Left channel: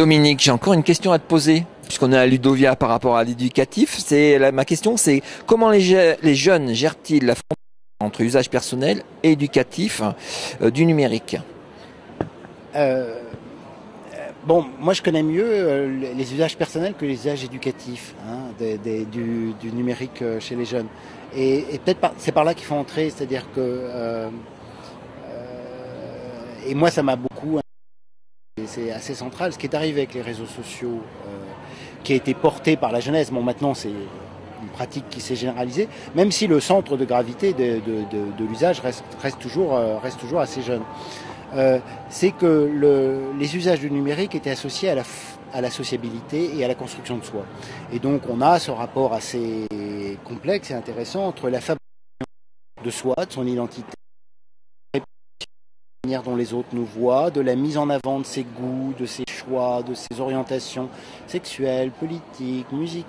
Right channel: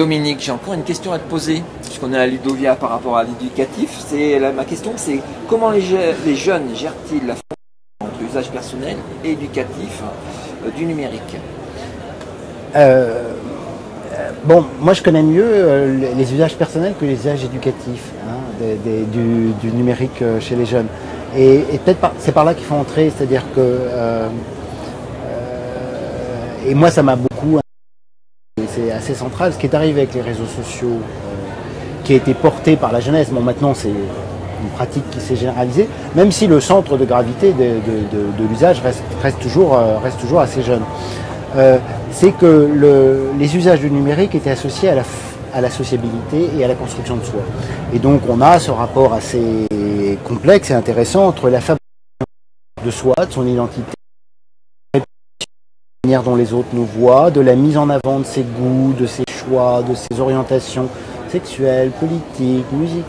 Dominique, j'ai encore une question à te poser, puisqu'on est à Ludovia par rapport à l'éducatif. Ma question, c'est comment les jeunes gèrent-ils la frontière entre usage personnel et éducatif du numérique? Bon, moi je connais mieux les usages personnels que les usages éducatifs du numérique chez les jeunes. Et peut-être c'est par là qu'il faut entrer, c'est-à-dire que et moi ça m'a beaucoup, c'est assez central, ce qui est arrivé avec les réseaux sociaux, qui a été porté par la jeunesse. Bon, maintenant c'est une pratique qui s'est généralisée, même si le centre de gravité de l'usage reste toujours assez jeune. C'est que les usages du numérique étaient associés à la sociabilité et à la construction de soi. Et donc on a ce rapport assez complexe et intéressant entre la fabrication de soi, de son identité, de la manière dont les autres nous voient, de la mise en avant de ses goûts, de ses choix, de ses orientations sexuelles, politiques, musicales.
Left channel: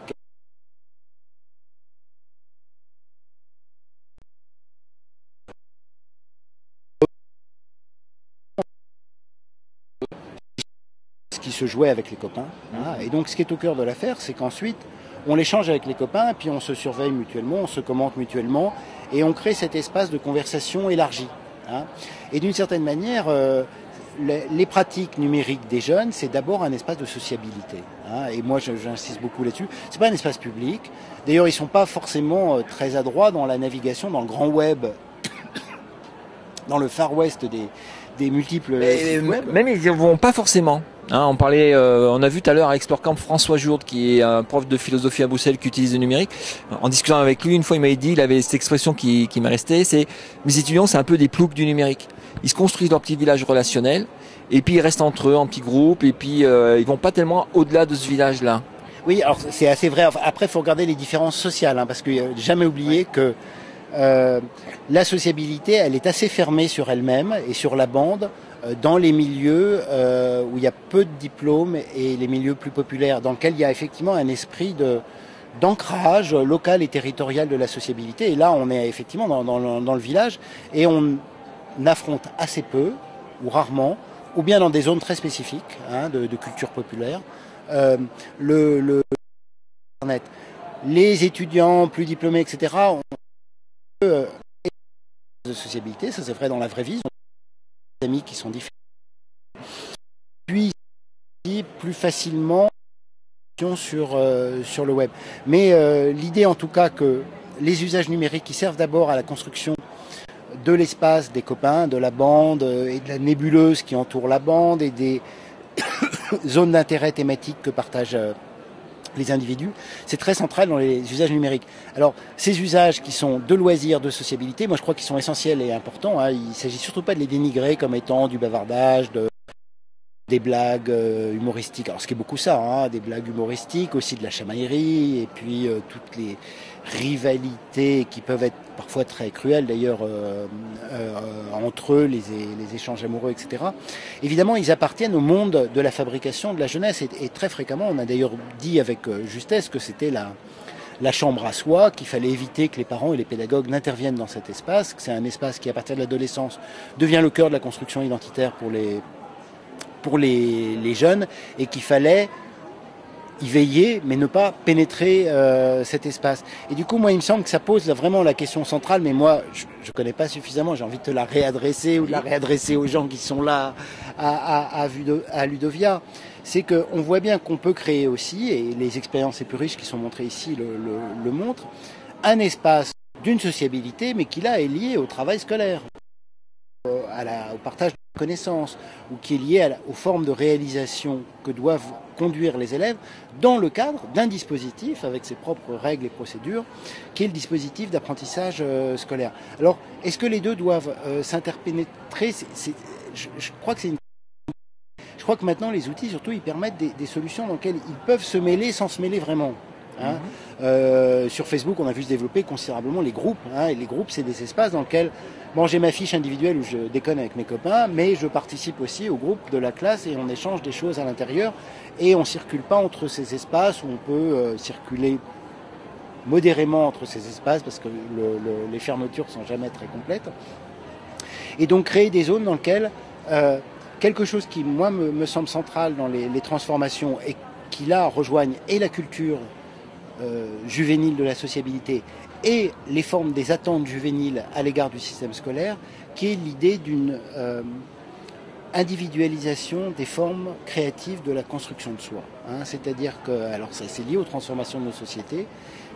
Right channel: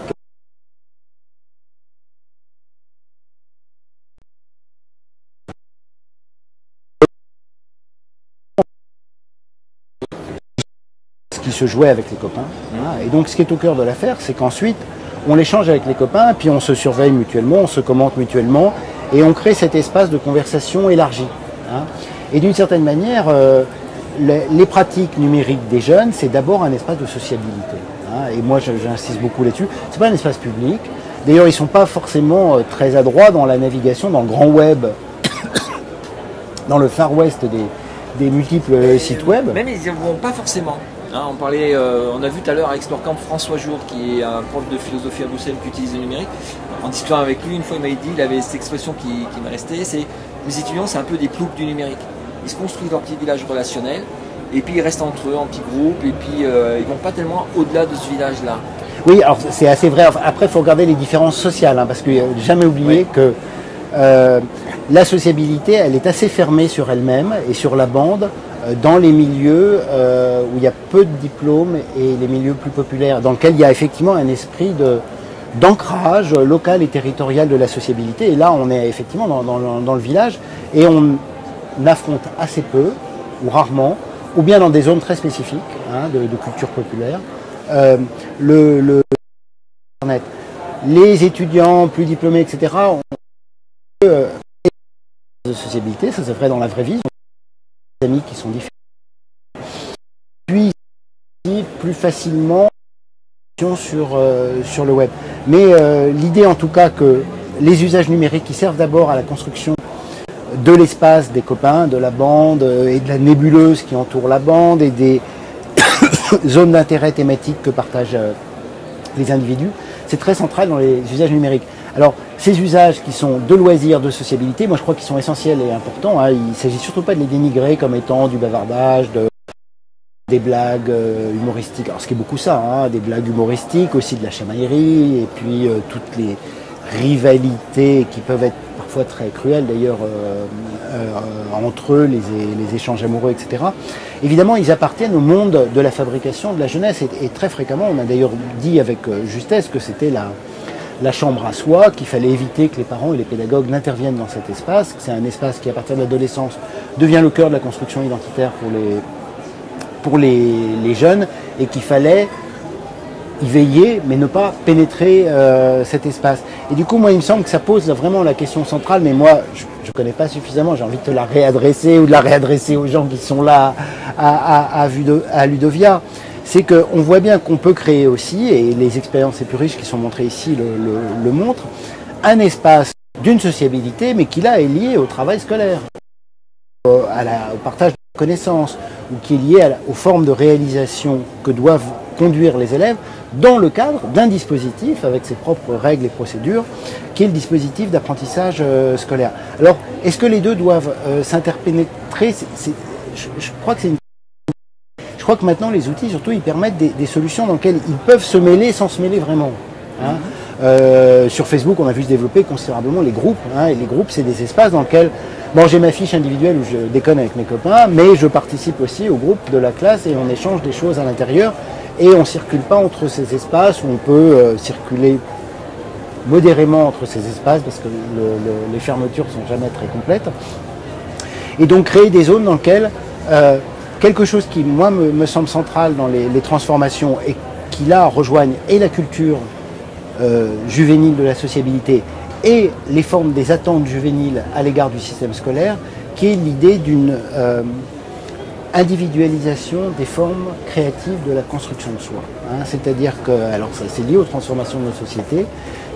Qui se jouait avec les copains. Et donc ce qui est au cœur de l'affaire, c'est qu'ensuite on l'échange avec les copains, puis on se surveille mutuellement, on se commente mutuellement, et on crée cet espace de conversation élargi. Et d'une certaine manière, les pratiques numériques des jeunes, c'est d'abord un espace de sociabilité. Et moi j'insiste beaucoup là-dessus. C'est pas un espace public. D'ailleurs, ils sont pas forcément très adroits dans la navigation, dans le grand web, dans le far west des multiples sites web. Même ils n'y vont pas forcément. On a vu tout à l'heure avec Snorkamp François Jourde, qui est un prof de philosophie à Bruxelles qui utilise le numérique. En discutant avec lui, une fois il m'avait dit, il avait cette expression qui m'est restée, c'est les étudiants, c'est un peu des ploucs du numérique. Ils se construisent leur petit village relationnel, et puis ils restent entre eux en petits groupes, et puis ils vont pas tellement au-delà de ce village-là. Oui, alors c'est assez vrai. Après, il faut regarder les différences sociales, parce qu'il ne faut jamais oublier que la sociabilité, elle est assez fermée sur elle-même et sur la bande, dans les milieux où il y a peu de diplômes et les milieux plus populaires, dans lesquels il y a effectivement un esprit d'ancrage local et territorial de la sociabilité. Et là, on est effectivement dans le village et on affronte assez peu, ou rarement, ou bien dans des zones très spécifiques de culture populaire, Internet. Les étudiants plus diplômés, etc., ont de sociabilité, ça se ferait dans la vraie vie, des amis qui sont différents. Puis plus facilement sur le web. Mais l'idée en tout cas que les usages numériques qui servent d'abord à la construction de l'espace des copains, de la bande et de la nébuleuse qui entoure la bande et des zones d'intérêt thématiques que partagent les individus, c'est très central dans les usages numériques. Alors, ces usages qui sont de loisirs, de sociabilité, moi je crois qu'ils sont essentiels et importants. Il ne s'agit surtout pas de les dénigrer comme étant du bavardage, des blagues humoristiques. Alors, ce qui est beaucoup ça, des blagues humoristiques, aussi de la chamaillerie, et puis toutes les rivalités qui peuvent être parfois très cruelles d'ailleurs entre eux, les échanges amoureux, etc. Évidemment, ils appartiennent au monde de la fabrication de la jeunesse et très fréquemment, on a d'ailleurs dit avec justesse que c'était la chambre à soi, qu'il fallait éviter que les parents et les pédagogues n'interviennent dans cet espace, que c'est un espace qui, à partir de l'adolescence, devient le cœur de la construction identitaire pour les jeunes, et qu'il fallait y veiller, mais ne pas pénétrer cet espace. Et du coup, moi, il me semble que ça pose vraiment la question centrale, mais moi, je ne connais pas suffisamment, j'ai envie de te la réadresser, ou de la réadresser aux gens qui sont là à Ludovia. C'est qu'on voit bien qu'on peut créer aussi, et les expériences les plus riches qui sont montrées ici le montrent, un espace d'une sociabilité, mais qui là est lié au travail scolaire, au partage de connaissances, ou qui est lié aux formes de réalisation que doivent conduire les élèves dans le cadre d'un dispositif avec ses propres règles et procédures, qui est le dispositif d'apprentissage scolaire. Alors, est-ce que les deux doivent s'interpénétrer? Je crois que c'est une... Je crois que maintenant, les outils, surtout, ils permettent des solutions dans lesquelles ils peuvent se mêler sans se mêler vraiment. Sur Facebook, on a vu se développer considérablement les groupes. Et les groupes, c'est des espaces dans lesquels, bon, j'ai ma fiche individuelle où je déconne avec mes copains, mais je participe aussi au groupe de la classe et on échange des choses à l'intérieur. Et on ne circule pas entre ces espaces où on peut circuler modérément entre ces espaces parce que les fermetures ne sont jamais très complètes. Et donc créer des zones dans lesquelles quelque chose qui, moi, me semble central dans les transformations et qui, là, rejoignent et la culture juvénile de la sociabilité et les formes des attentes juvéniles à l'égard du système scolaire, qui est l'idée d'une individualisation des formes créatives de la construction de soi. Hein. C'est-à-dire que, alors ça c'est lié aux transformations de nos sociétés,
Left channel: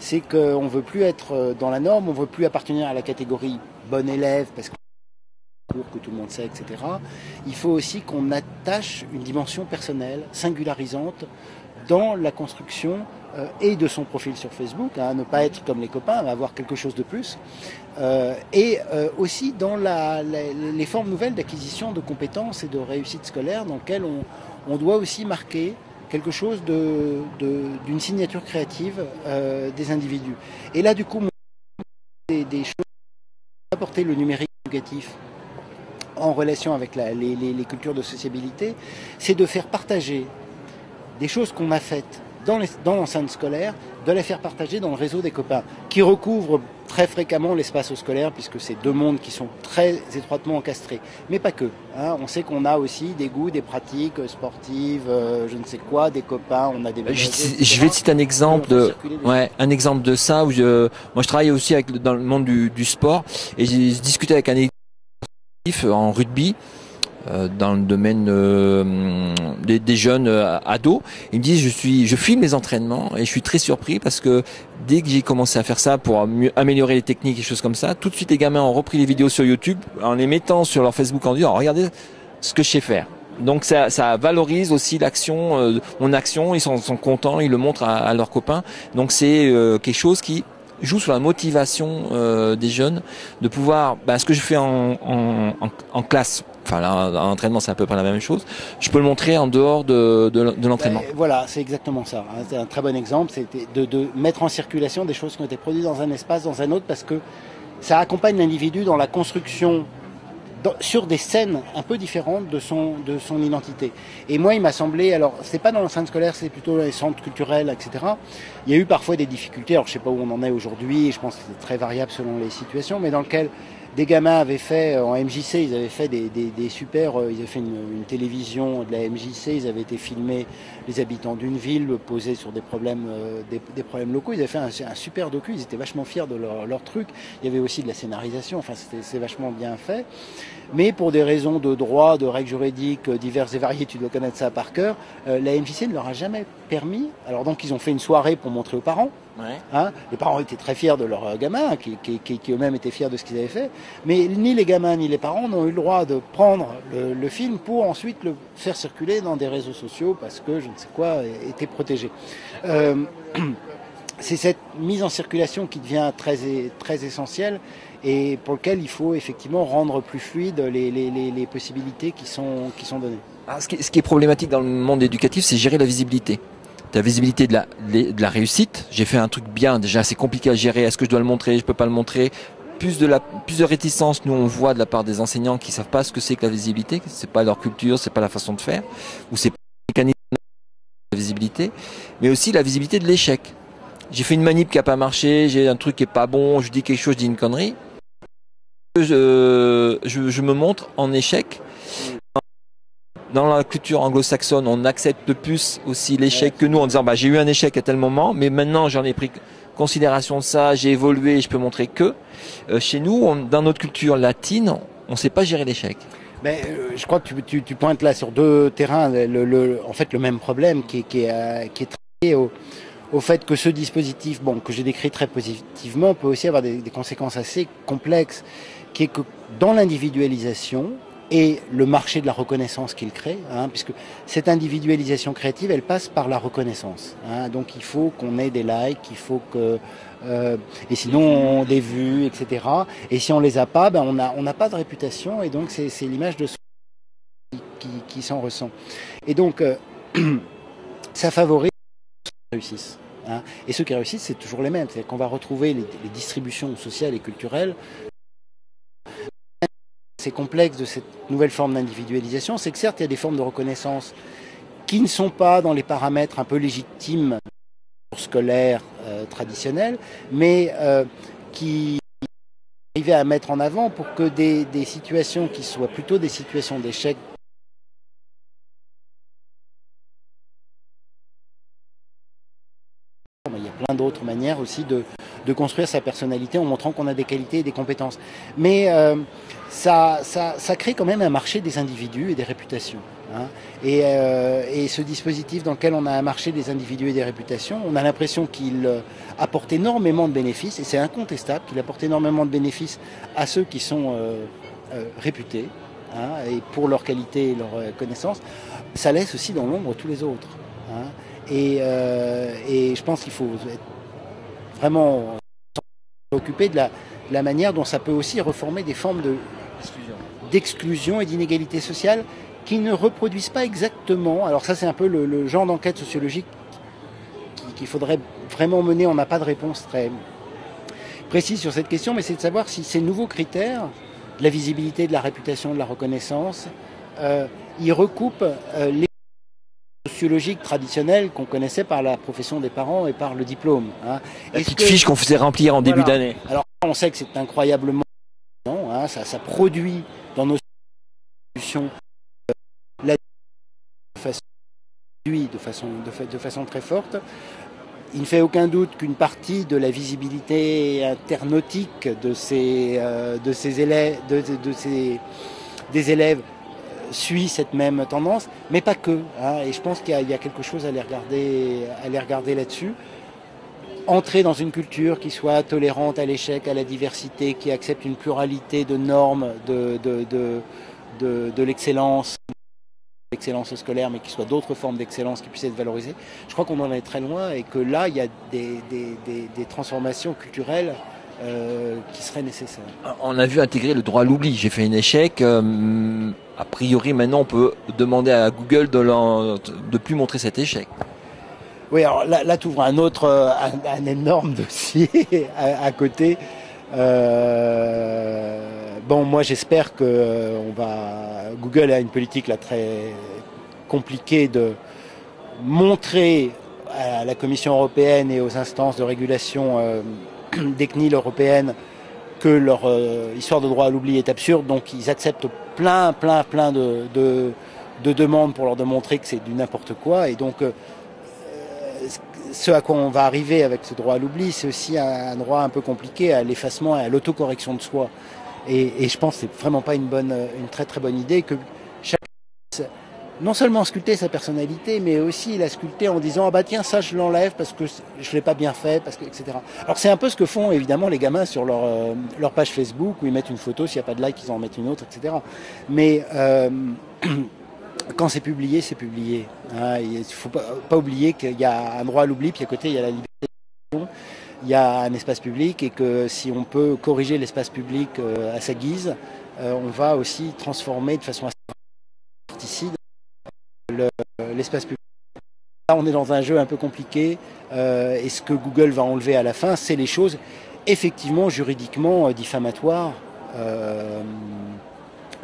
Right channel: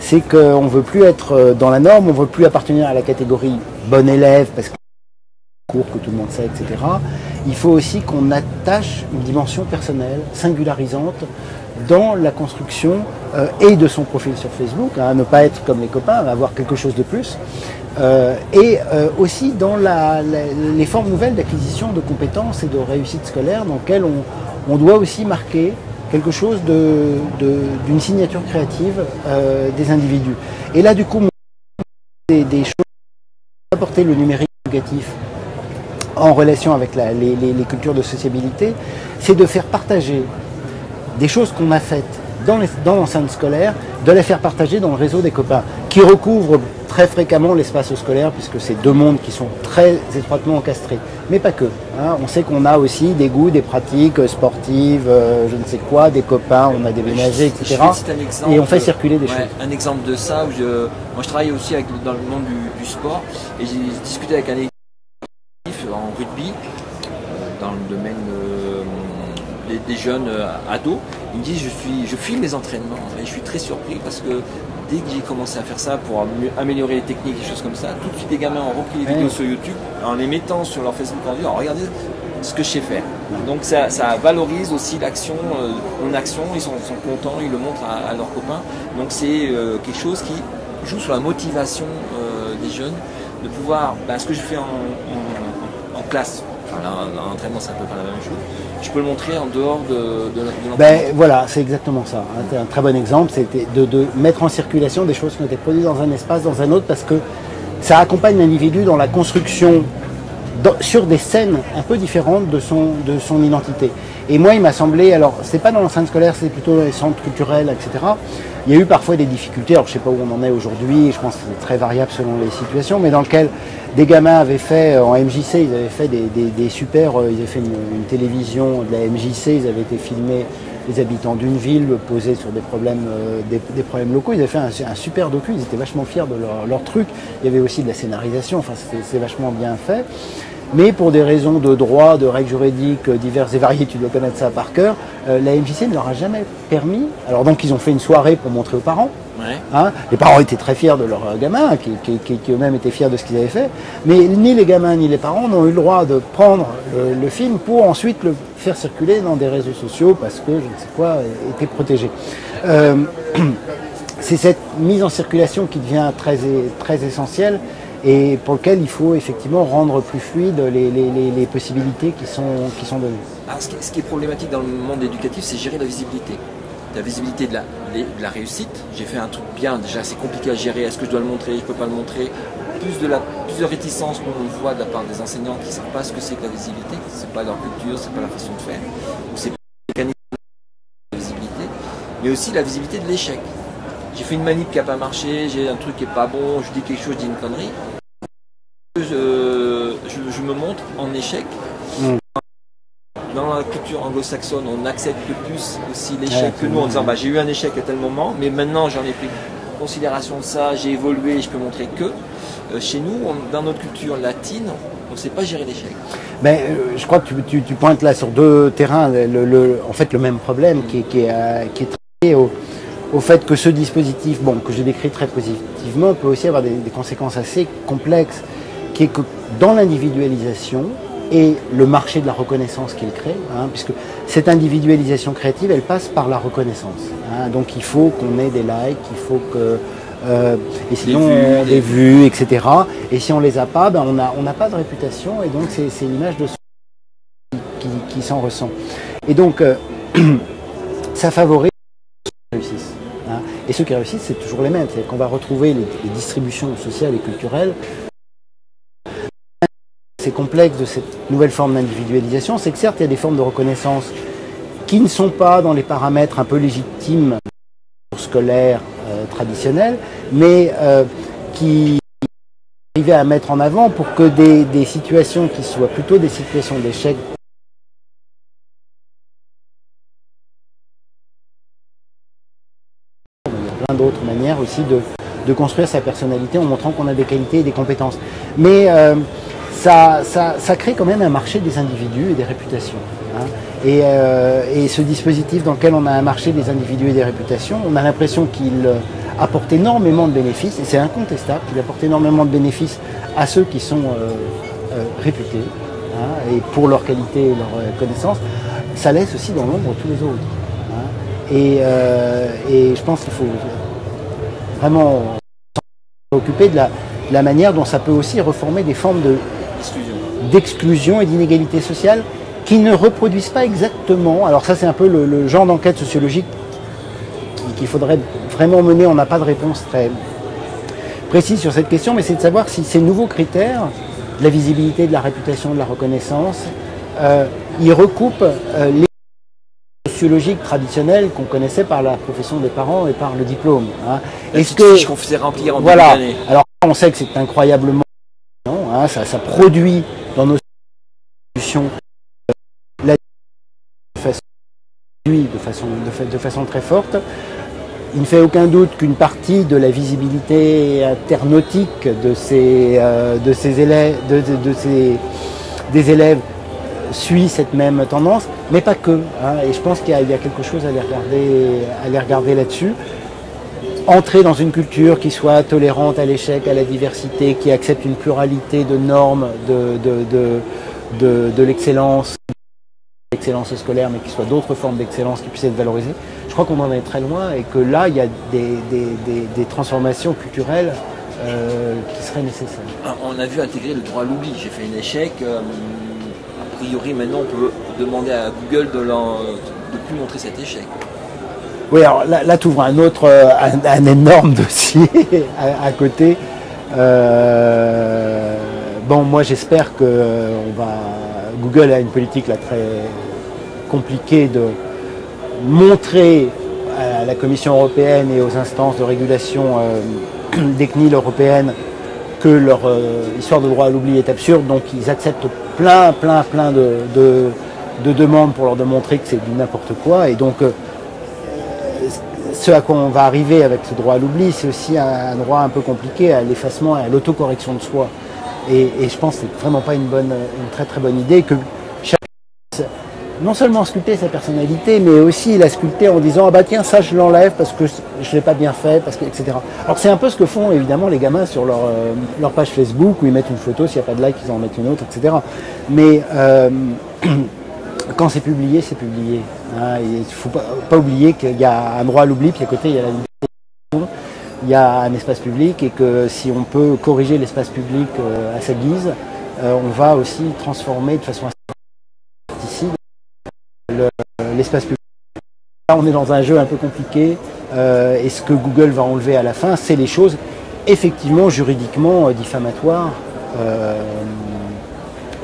c'est qu'on ne veut plus être dans la norme, on ne veut plus appartenir à la catégorie bon élève, parce que que tout le monde sait, etc. Il faut aussi qu'on attache une dimension personnelle, singularisante, dans la construction et de son profil sur Facebook, hein, ne pas être comme les copains, avoir quelque chose de plus, et aussi dans les formes nouvelles d'acquisition de compétences et de réussite scolaire, dans lesquelles on doit aussi marquer quelque chose d'une signature créative des individus. Et là, du coup, des choses apporter le numérique éducatif en relation avec les cultures de sociabilité, c'est de faire partager des choses qu'on a faites dans l'enceinte scolaire, de les faire partager dans le réseau des copains, qui recouvrent très fréquemment l'espace scolaire, puisque c'est deux mondes qui sont très étroitement encastrés. Mais pas que. Hein. On sait qu'on a aussi des goûts, des pratiques sportives, je ne sais quoi, des copains, on a déménagé, etc. Je vais citer un exemple, et on fait circuler des choses. Un exemple de ça, où moi je travaille aussi dans le monde du sport, et j'ai discuté avec un équipe en rugby, dans le domaine des jeunes ados. Ils me disent je filme mes entraînements et je suis très surpris parce que dès que j'ai commencé à faire ça pour améliorer les techniques et choses comme ça, tout de suite les gamins ont repris les vidéos sur YouTube en les mettant sur leur Facebook en disant regardez ce que je sais faire. Donc ça valorise aussi l'action, mon action, ils sont contents, ils le montrent à leurs copains. Donc c'est quelque chose qui joue sur la motivation des jeunes de pouvoir, ce que je fais en classe, enfin là, en entraînement c'est un peu pas la même chose, je peux le montrer en dehors de l'entraînement. Voilà, c'est exactement ça. Hein. C'est un très bon exemple, c'était de mettre en circulation des choses qui ont été produites dans un espace, dans un autre, parce que ça accompagne l'individu dans la construction sur des scènes un peu différentes de son identité. Et moi, il m'a semblé, alors c'est pas dans l'enceinte scolaire, c'est plutôt dans les centres culturels, etc. Il y a eu parfois des difficultés, alors je sais pas où on en est aujourd'hui, je pense que c'est très variable selon les situations, mais dans lequel des gamins avaient fait, en MJC, ils avaient fait des super, ils avaient fait une télévision de la MJC, ils avaient été filmés les habitants d'une ville posés sur des problèmes locaux, ils avaient fait un super docu, ils étaient vachement fiers de leur truc, il y avait aussi de la scénarisation, enfin c'est vachement bien fait. Mais pour des raisons de droit, de règles juridiques diverses et variées, tu dois connaître ça par cœur, la MJC ne leur a jamais permis. Alors donc ils ont fait une soirée pour montrer aux parents. Ouais. Hein, les parents étaient très fiers de leurs gamins, qui eux-mêmes étaient fiers de ce qu'ils avaient fait. Mais ni les gamins ni les parents n'ont eu le droit de prendre le film pour ensuite le faire circuler dans des réseaux sociaux parce que, je ne sais quoi, était protégé. C'est cette mise en circulation qui devient très, très essentielle, et pour lequel il faut effectivement rendre plus fluides les possibilités qui sont données. Alors, ce qui est problématique dans le monde éducatif, c'est gérer la visibilité. La visibilité de la réussite. J'ai fait un truc bien, déjà c'est compliqué à gérer, est-ce que je dois le montrer, je ne peux pas le montrer. Plus de réticence, nous on voit de la part des enseignants qui ne savent pas ce que c'est que la visibilité, c'est pas leur culture, c'est pas la façon de faire, ou c'est pas le mécanisme de la visibilité, mais aussi la visibilité de l'échec. J'ai fait une manip qui n'a pas marché, j'ai un truc qui n'est pas bon, je dis quelque chose, je dis une connerie. Je me montre en échec. Dans la culture anglo-saxonne, on accepte plus aussi l'échec que nous en disant j'ai eu un échec à tel moment, mais maintenant j'en ai pris considération de ça, j'ai évolué, je peux montrer que. Chez nous, dans notre culture latine, on ne sait pas gérer l'échec. Je crois que tu pointes là sur deux terrains, en fait le même problème qui est très au fait que ce dispositif, que j'ai décrit très positivement, peut aussi avoir des conséquences assez complexes, qui est que dans l'individualisation et le marché de la reconnaissance qu'il crée, puisque cette individualisation créative, elle passe par la reconnaissance. Donc il faut qu'on ait des likes, il faut que... et sinon des vues, etc. Et si on les a pas, on n'a pas de réputation, et donc c'est l'image de soi qui s'en ressent. Et donc ça favorise ceux qui réussissent. Et ceux qui réussissent, c'est toujours les mêmes. C'est-à-dire qu'on va retrouver les distributions sociales et culturelles. C'est complexe de cette nouvelle forme d'individualisation, c'est que certes il y a des formes de reconnaissance qui ne sont pas dans les paramètres un peu légitimes scolaires traditionnels, mais qui arrivent à mettre en avant pour que des situations qui soient plutôt des situations d'échec d'autres manières aussi de construire sa personnalité en montrant qu'on a des qualités et des compétences. Mais ça crée quand même un marché des individus et des réputations. Hein. Et ce dispositif dans lequel on a un marché des individus et des réputations, on a l'impression qu'il apporte énormément de bénéfices, et c'est incontestable qu'il apporte énormément de bénéfices à ceux qui sont réputés, hein, et pour leur qualité et leur connaissance. Ça laisse aussi dans l'ombre tous les autres. Hein. Et je pense qu'il faut vraiment s'occuper de la manière dont ça peut aussi reformer des formes d'exclusion et d'inégalité sociale qui ne reproduisent pas exactement. Alors ça, c'est un peu le genre d'enquête sociologique qu'il faudrait vraiment mener. On n'a pas de réponse très précise sur cette question, mais c'est de savoir si ces nouveaux critères, de la visibilité, de la réputation, de la reconnaissance, ils recoupent les sociologiques traditionnels qu'on connaissait par la profession des parents et par le diplôme. Hein. Est-ce que fiche qu'on faisait remplir en début d'année. Alors on sait que c'est incroyablement, hein, ça produit dans nos institutions de façon très forte. Il ne fait aucun doute qu'une partie de la visibilité internautique des élèves suit cette même tendance, mais pas que. Hein, et je pense qu'il y a quelque chose à les regarder là-dessus. Entrer dans une culture qui soit tolérante à l'échec, à la diversité, qui accepte une pluralité de normes, de l'excellence scolaire, mais qu'il soit d'autres formes d'excellence qui puissent être valorisées. Je crois qu'on en est très loin et que là, il y a des transformations culturelles qui seraient nécessaires. On a vu intégrer le droit à l'oubli. J'ai fait un échec. A priori, maintenant, on peut demander à Google de plus montrer cet échec. Oui, alors là tu ouvres un énorme dossier à côté. Bon, moi j'espère que Google a une politique là très compliquée de montrer à la Commission européenne et aux instances de régulation des CNIL européennes que leur histoire de droit à l'oubli est absurde, donc ils acceptent plein de demandes pour leur démontrer que c'est du n'importe quoi, et donc ce à quoi on va arriver avec ce droit à l'oubli, c'est aussi un droit un peu compliqué à l'effacement et à l'autocorrection de soi. Et je pense que c'est vraiment pas une très très bonne idée que chacun non seulement sculpter sa personnalité, mais aussi la sculpter en disant ah bah tiens ça je l'enlève parce que je l'ai pas bien fait, etc. Alors c'est un peu ce que font évidemment les gamins sur leur page Facebook où ils mettent une photo, s'il n'y a pas de like ils en mettent une autre, etc. Mais quand c'est publié, c'est publié. Hein, il ne faut pas oublier qu'il y a un droit à l'oubli, puis à côté il y a la liberté, il y a un espace public, et que si on peut corriger l'espace public à sa guise, on va aussi transformer de façon assez l'espace public. Là on est dans un jeu un peu compliqué, et ce que Google va enlever à la fin, c'est les choses effectivement juridiquement diffamatoires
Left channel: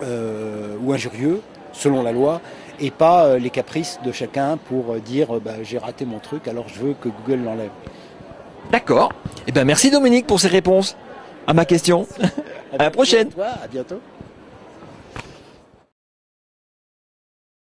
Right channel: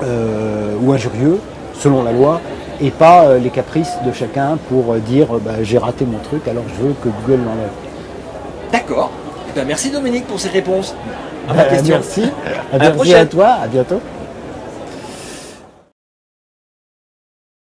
ou injurieux, selon la loi, et pas les caprices de chacun pour dire j'ai raté mon truc alors je veux que Google l'enlève. D'accord. Eh ben, merci Dominique pour ces réponses à ma question. Merci. À la prochaine. À toi. À bientôt.